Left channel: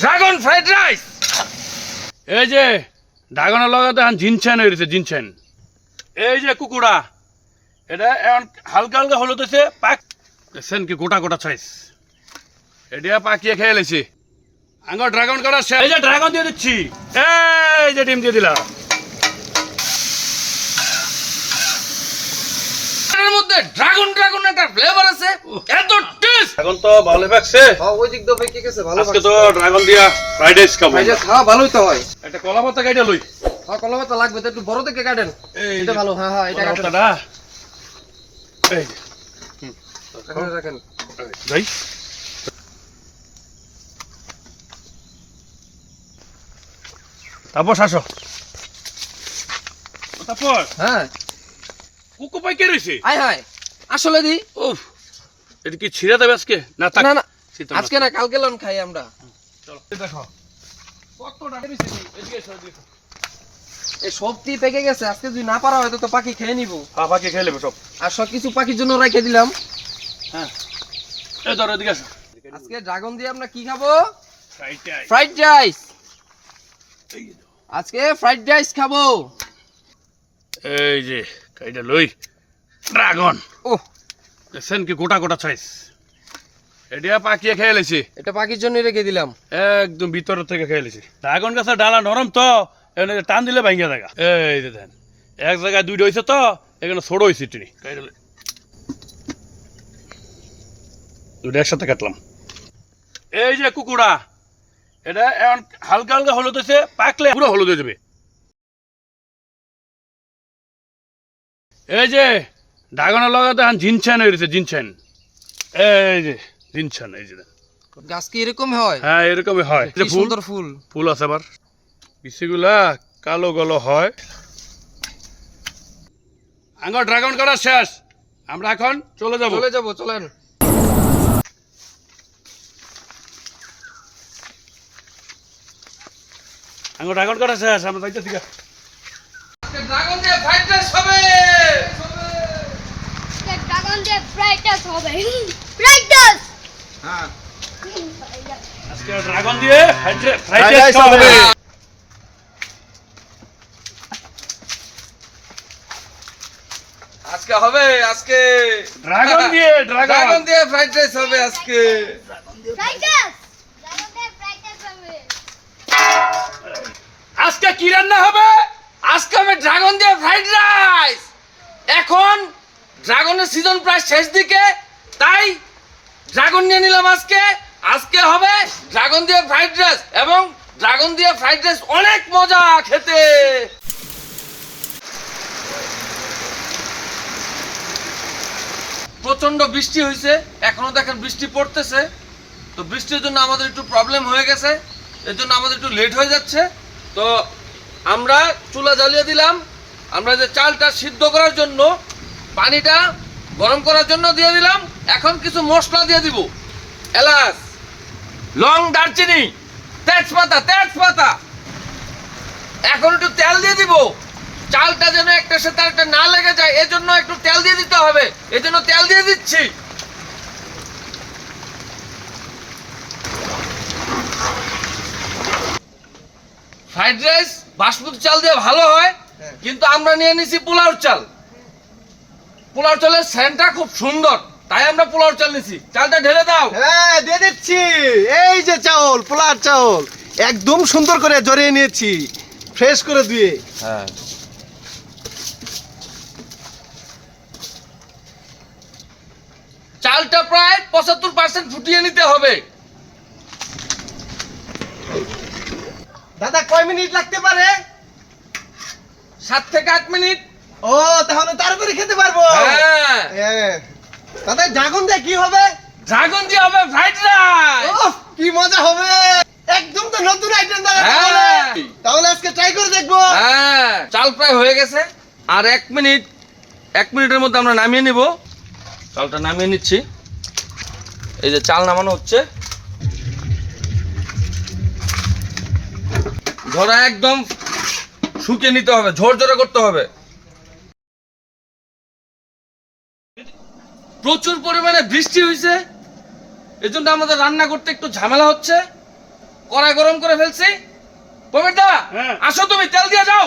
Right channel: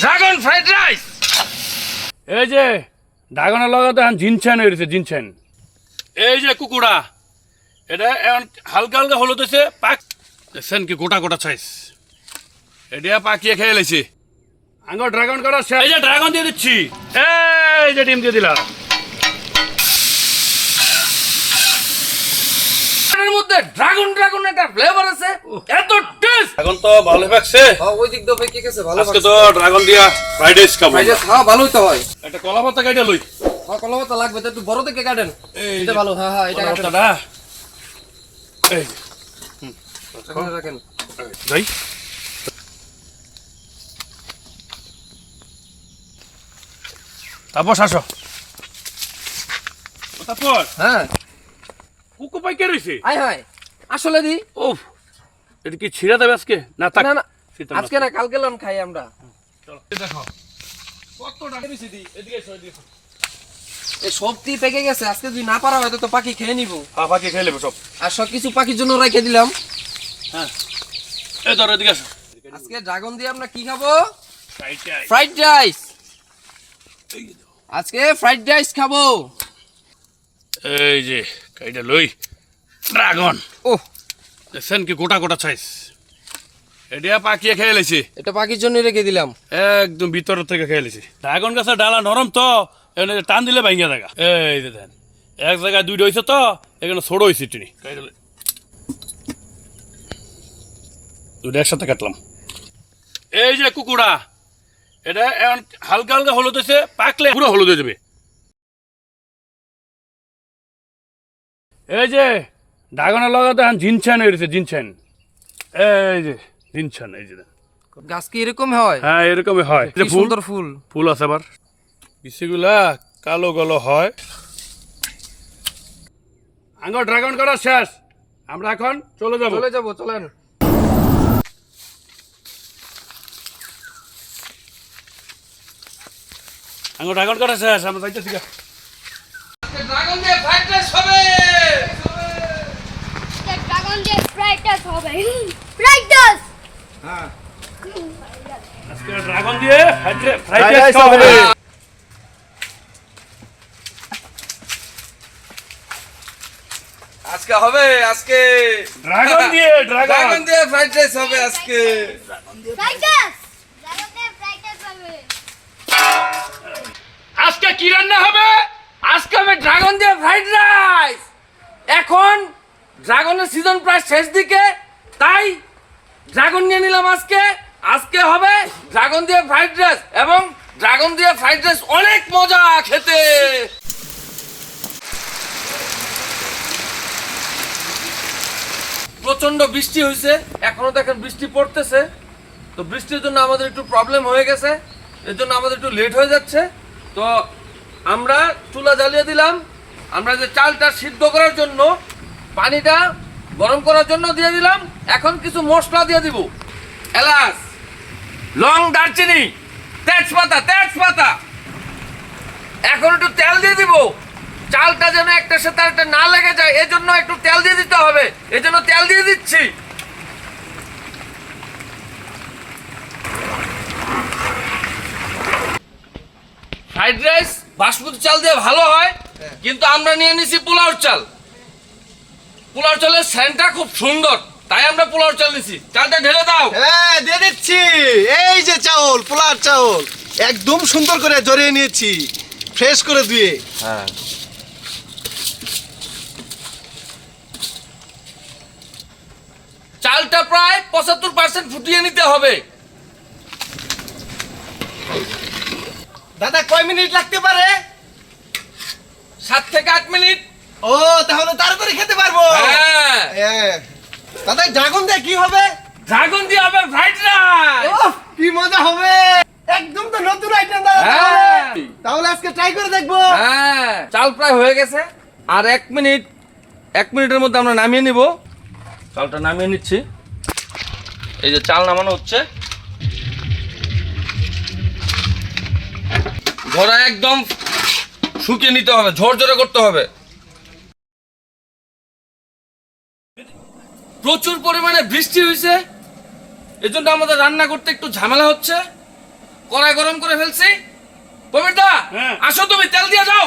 Dragon fried rice. এই যে ড্রাগনের লগে তো এখন জিনছেন হয়েছে জিনছেন। এই যে কুকুড়া এটা এখন হালকা হালকা হলুদ হয়েছে পাক দেখছেন কি গোটা গোটা সাইজ। এটা পাকিয়ে খেয়ে লেছি আঙ্গ ড্রাগন করা শেষ। এই যে ড্রাগন দিয়ে দিচ্ছি, এই যে ডিম দিয়ে দিলাম। এর মধ্যে ড্রাগন ড্রাগন একটা ফ্লেভার আছে, এত টেস্ট। এখন তো ভালো লাগছে। হ্যাঁ ওই দিক দিয়ে কি গেছে ভালো। আজকে তো ড্রাগন দিয়া ফ্রাইড রাইস খাবো। হ্যাঁ ভালোই তো হয়। একটা কলা পাতা কেটে লই। হ্যাঁ কলা পাতা লাগবে তো, একটু বড় থেকে কাটেন। এটা ভালো। হ্যাঁ হ্যাঁ এটা কাটেন। পাতাটা এই রাখেন যাই। তারপর আসো। তারপর হ্যাঁ কুকু পাই কে রয়েছে? আয় হায় আসলে দি। উফ, এটা কি ছিঁড়ে দেবে আজকে? না থাক, না না শীতল আজকে না কালকে লন খাই আমরা। চলো দেখো কতটা বেশি এদিকে এসো, এদিকে এসো। এই সবটি পেকে গেছে, আজকে যদি না পারা হয়তো তো পাখি খেয়ে নিব। হ্যাঁ পাখি খেয়ে নেবে সব। আর সব কিছু পাখির জন্য রেখে দিলাম। হ্যাঁ এই ধরো এদিকে আসো। আজকে ড্রাগন দিয়ে আমরা কি খাবো? Fried rice. Fried rice. আজকে ফ্রাইড রাইস খাবো। এই যে কাইটা লই ড্রাগন। ও দেখছেন কি গোটা গোটা সাইজ। এটা পাকিয়ে খেয়ে লেছি, এটা পাখির জন্য রেখে দিলাম। একদম ভিতর থেকে খেয়ে লেছি। ড্রাগন গাছের ডালা নরম তো এখানে টান দিলে ভাঙ্গা জায়গা। এই যে দেন এক জায়গায় দুইটা হয়েছে তো এখানে ছোট হয়েছে তুমি দুইটা একসাথে কাটলাম। এই যে কুকুড়া এটা এখন হালকা হালকা হলুদ হয়েছে, পাকলে পুরো হলুদ হয়ে যাবে। এই যে ড্রাগনের লগে তো এখন জিনছেন হয়েছে জিনছেন। এই যে জিনছেন এই যে গাছ কি এরকম হয়? হ্যাঁ এরকমই হয়। কি সুন্দর ফুল। ফুল আছে আবার বিচিগুলা কালো কালো হয়। আঙ্গ ড্রাগন করা শেষ, আমরা এখন চলে যাবো। চলে যাবো, চলেন। আঙ্গ ড্রাগন করা শেষ, আমরা যাইতেছি। ড্রাগন দিয়ে ফ্রাইড রাইস হবে। ড্রাগন দিয়ে ফ্রাইড রাইস হবে। Fried rice. হ্যাঁ আজকে ড্রাগন দিয়ে ফ্রাইড রাইস হবে। আজকে হবে, আজকে ড্রাগন দিয়ে ড্রাগন দিয়ে ফ্রাইড রাইস হবে আজকে। Fried rice. ড্রাগন দিয়ে ফ্রাইড রাইস হবে। আজকে কি রান্না হবে? আজকে হবে ড্রাগন দিয়ে ফ্রাইড রাইস। এখন ড্রাগনের সিজন প্রায় শেষ দিকে, তাই ড্রাগন নিয়ে নিলাম আজকে। আজকে হবে ড্রাগন দিয়ে ফ্রাইড রাইস, এবং ড্রাগন দিয়ে ফ্রাইড রাইস অনেক মজা খেতে। প্রচন্ড বৃষ্টি হয়েছে, এখনো দেখেন বৃষ্টি পড়তেছে। তো বৃষ্টির জন্য আমাদের একটু প্রবলেম হয়ে গেছে, এর জন্য আমাদের একটু লেট হয়ে যাচ্ছে। তো আমরা চুলা জ্বালিয়ে দিলাম। আমরা যে চালটা সিদ্ধ করার জন্য পানিটা গরম করার জন্য দিয়ে দিলাম। এখন কিছু মশলা দিয়ে দিব, এলাচ, লং, দারচিনি, তেজপাতা। এখন একটু তেল দিয়ে দিব। চালটা যেন একটার সাথে একটা না লেগে যায়, এজন্য একটু তেল দিয়ে দিতে হবে, এজন্য তেল দিয়ে দিচ্ছি। ফ্রাইড রাইস বাসমতি চাল দিয়ে ভালো হয়, কিন্তু আমরা নিয়ে নিছি পোলাও চাল। পোলাও চালের সেন্টটা খুব সুন্দর, তাই আমরা পোলাও চাল নিছি। চালটা ঢেলে দাও। হ্যাঁ দিয়ে দিচ্ছি। এই যে চাউল, পোলার চাউল একদম সুন্দর করে জড়িয়ে নিয়েছি, ফ্রেশ করে ধুয়ে। চালটা প্রায় 75% ফুটিয়ে নিতে হবে। দাদা কয় মিনিট লাগতে পারে? 7 থেকে 8 মিনিট। ও তাহলে তাড়াতাড়ি খেতে পারবো। হ্যাঁ হ্যাঁ। দাদা ড্রাগন দিয়ে কি হবে? ড্রাগন দিয়ে হবে ফ্রাইড রাইস। ওহ, কি মজা হবে, একদম তো নতুন আইটেম দাদা। হ্যাঁ। তাহলে আজকে ট্রাই করে দেখবো। হ্যাঁ চাল প্রায় হয়ে গেছে, আর 1 মিনিটের মধ্যে আমরা নামিয়ে নিব। চালটা নামিয়ে নিচ্ছি। এই যে চাল নামানো হচ্ছে। ঝরা একদম শুকিয়ে নিতে হবে, ঝরঝরে করতে হবে। প্রচুর পরিমাণে বৃষ্টি হয়েছে, এজন্য আমাদের রান্না করতে একটু ঝামেলা হচ্ছে। কড়াই গরম করে ফেলছি। প্রবীর দা, হ্যাঁ। আসো তুমি তেল দিয়ে যাও।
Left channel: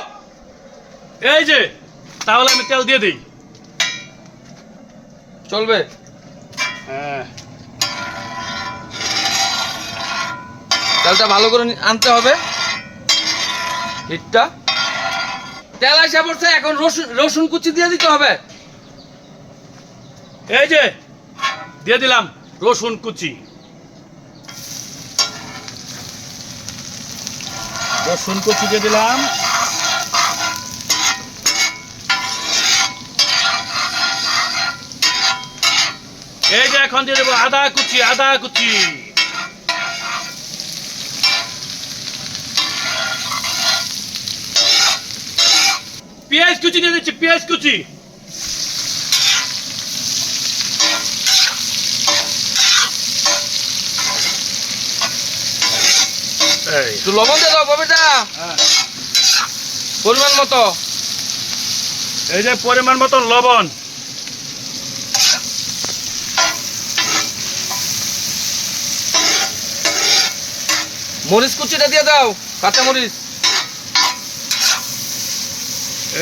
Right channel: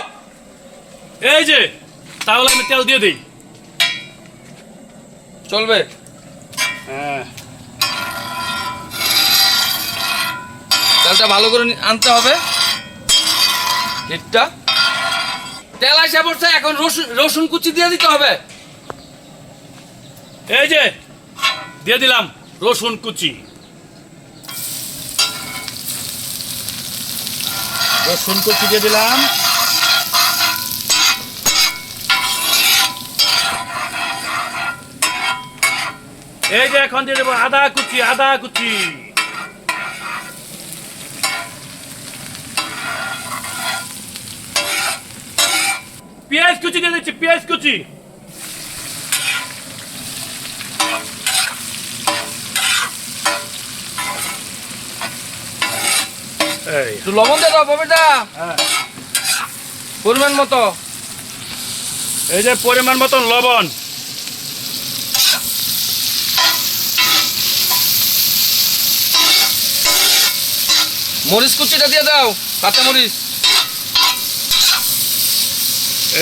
এই যে তাহলে আমি তেল দিয়ে দিই। চলবে। হ্যাঁ তেলটা ভালো করে আনতে হবে, হিটটা। তেল আসা পড়ছে, এখন রসুন কুচি দিয়ে দিতে হবে। এই যে দিয়ে দিলাম রসুন কুচি। রসুন কুচি দিয়ে দিলাম। এই যে এখন দিয়ে দেবো আদা কুচি, আদা কুচি। পেঁয়াজ কুচি দিয়ে দিচ্ছি, পেঁয়াজ কুচি। এই একটু লবণ দিয়ে দাও প্রবীর দা, পরিমাণ মতো। এই যে পরিমাণ মতন লবণ। মরিচ কুচিটা দিয়ে দাও, কাঁচা মরিচ।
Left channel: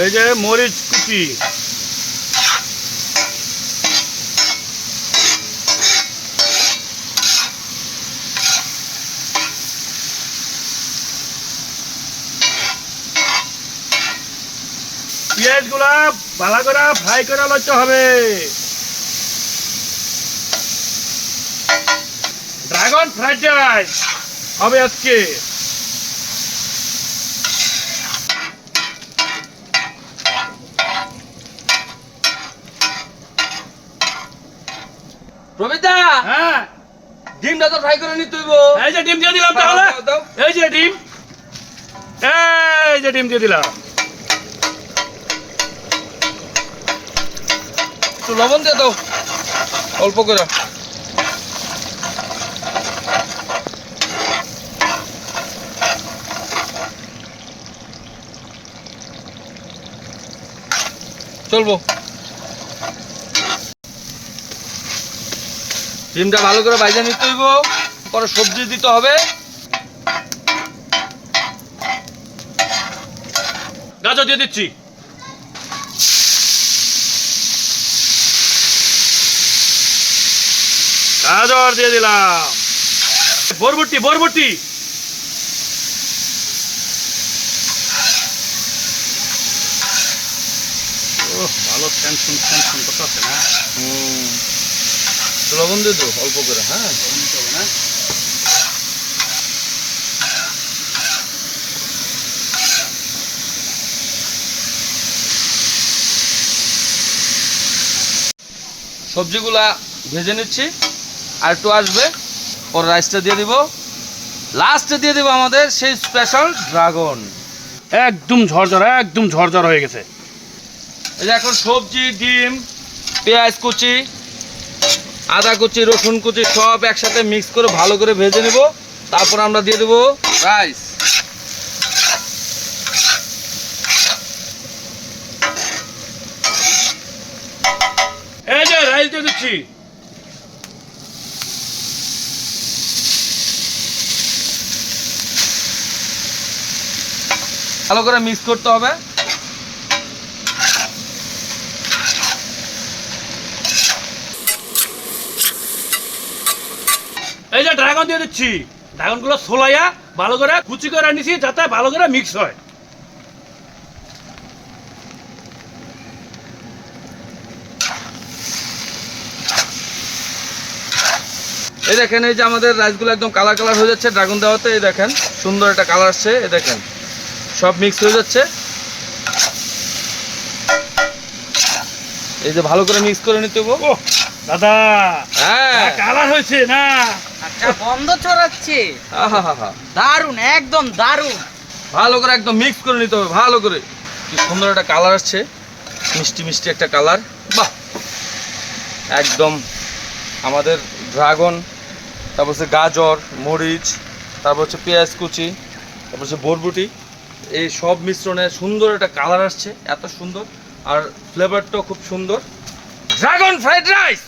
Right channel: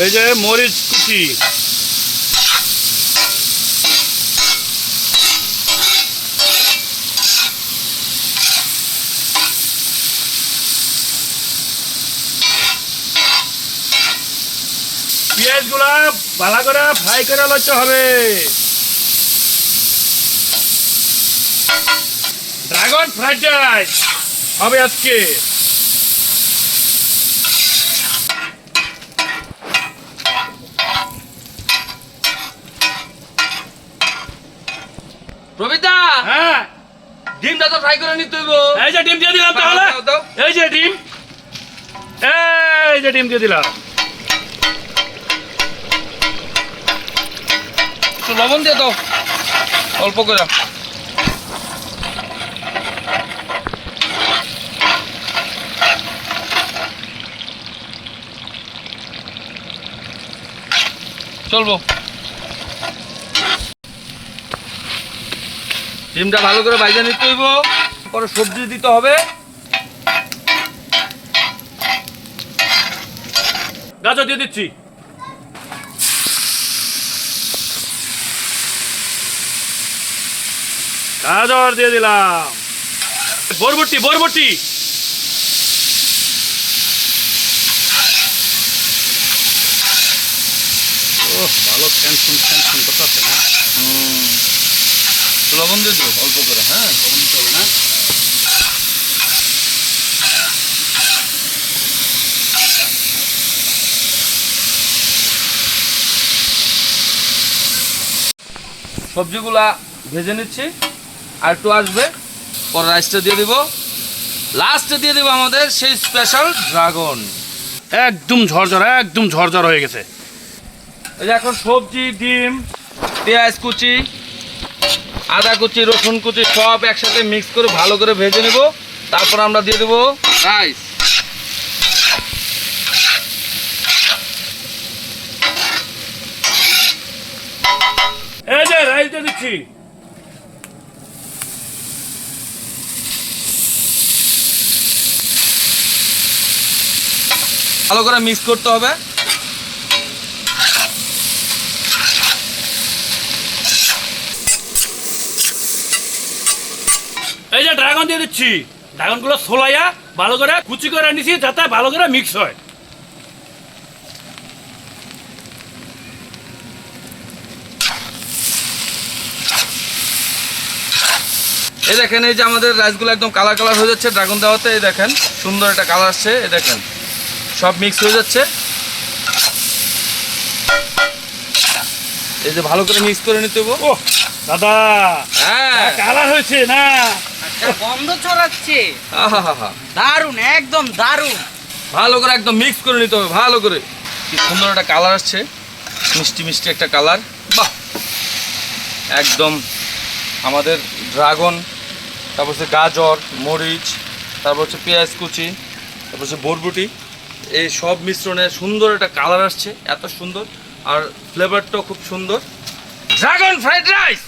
এই যে মরিচ কুচি। পেঁয়াজ গুলা ভালো করে ফ্রাই করে লইতে হবে। ড্রাগন ফ্রাইড রাইস হবে আজকে। প্রবীর দা, হ্যাঁ ডিমটা তো ফ্রাই করে নিতে হইব। এই যে ডিম দিয়ে দিলাম তাহলে। দাও, দাও। এই যে ডিম, এই যে ডিম দিয়ে দিলাম। একটু লবণ দিয়ে দাও অল্প করে। চলবো। ডিমটা ভালো করে ভাজা নিতে হইব, পরে সবজি দিতে হবে। গাজর দিয়ে দিচ্ছি। গাজর দিয়ে দিলাম। বরবটি, বরবটি। ওহ ভালো টেনশন টেনশন করতে আছে না। লবণ দিয়ে দিও অল্প করে। হ্যাঁ, সবজিগুলা ভেজে নিচ্ছি, আর একটু আসবে, পরে রাইসটা দিয়ে দিব। লাস্টে দিয়ে দিব আমাদের সেই স্পেশাল ড্রাগন। একদম ঝরঝর, একদম ঝরঝর হয়ে গেছে। এই যে এখন সবজি, ডিম, পেঁয়াজ কুচি, আদা কুচি, রসুন কুচি সব একসাথে মিক্স করে ভালো করে ভেজে নেব। তারপর আমরা দিয়ে দেবো রাইস। এই যে রাইস দিয়ে দিচ্ছি। ভালো করে মিক্স করতে হবে। এই যে ড্রাগন দিয়ে দিচ্ছি। ড্রাগনগুলো ছোলাইয়া ভালো করে কুচি করে নিছি যাতে ভালো করে মিক্স হয়। এই দেখেন, এই যে আমাদের রাইসগুলো একদম কালার কালার হয়ে যাচ্ছে ড্রাগন দেওয়াতে। এই দেখেন সুন্দর একটা কালার আসছে। এই দেখেন সব মিক্স হয়ে যাচ্ছে। এই যে ভালো করে মিক্স করে নিতে হবে। ও দাদা, হ্যাঁ, কালার হয়েছে না? গন্ধ ছড়াচ্ছে, আহা, দারুন, একদম দারুন। ভালো করে একদম মিক্স করে নিতে হবে ভালো করে। কি সুন্দর একটা কালার আসছে, মিষ্টি মিষ্টি একটা কালার। বাহ, একদম আমাদের ড্রাগন, তারপর হচ্ছে গাজর, মরিচ, তারপর হচ্ছে পেঁয়াজ কুচি, তারপর হচ্ছে বরবটি, এই সব মিশ্রণে সুন্দর একটা কালার আসছে। এত সুন্দর, আর ফ্লেভারটাও খুব সুন্দর। Dragon fried rice.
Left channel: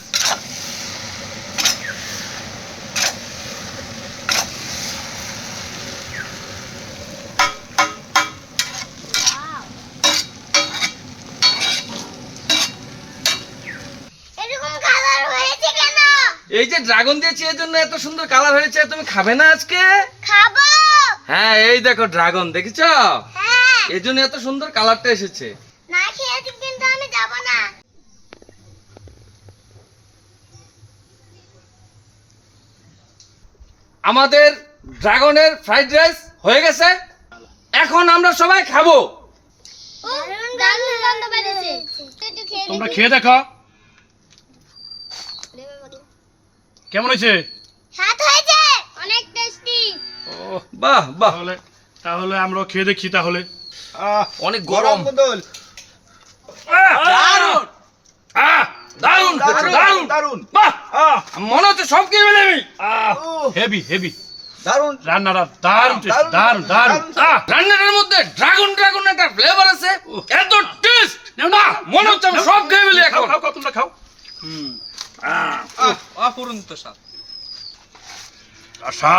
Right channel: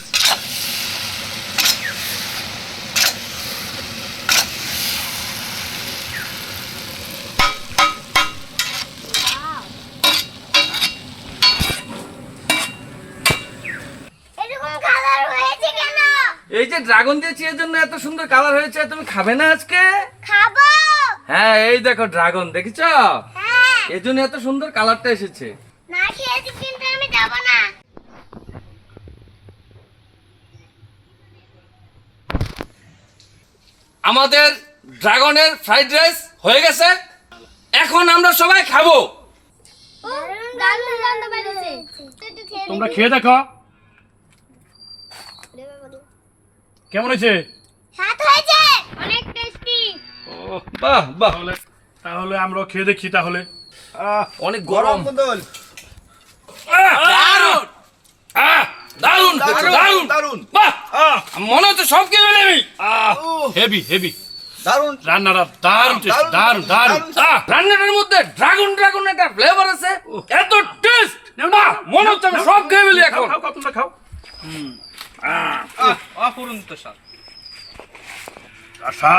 যে ড্রাগন দিয়েছি এর জন্য এত সুন্দর কালার হয়েছে, তুমি খাবে না আজকে? খাবো। হ্যাঁ এই দেখো ড্রাগন দেখেছো, হ্যাঁ, এর জন্য এত সুন্দর কালারটা এসেছে। না খেয়েছি কিন্তু আমি যাব না। আমাদের ড্রাগনের ফ্রাইড রাইস হয়ে গেছে, এখন আমরা সবাই খাবো। ও দারুণ গন্ধ বেরিয়েছে। একটু খেয়ে তোমরা দেখি। খেয়ে দেখো কেমন হয়েছে। স্বাদ হয়েছে, অনেক টেস্টি। ও বাহ বাহ, তাহলে তাহলে আমরা খেয়ে দেখি তাহলে। অনেক গরম। বদল দারুণ দারুণ দারুণ দারুণ বাহ, মনে হচ্ছে সব খেয়ে ফেলে আমি। হেভি হেভি দারুণ রান্নাটা দারুণ টেস্ট, দারুণ দারুণ। রান্নাটার মধ্যে ড্রাগন ড্রাগন একটা ফ্লেভার আছে, এত টেস্ট, মনে হচ্ছে আমি সব খেয়ে ফেলি এখন। খাও খাও তোমরা খাও। অপূরন্ত স্বাদ। আশা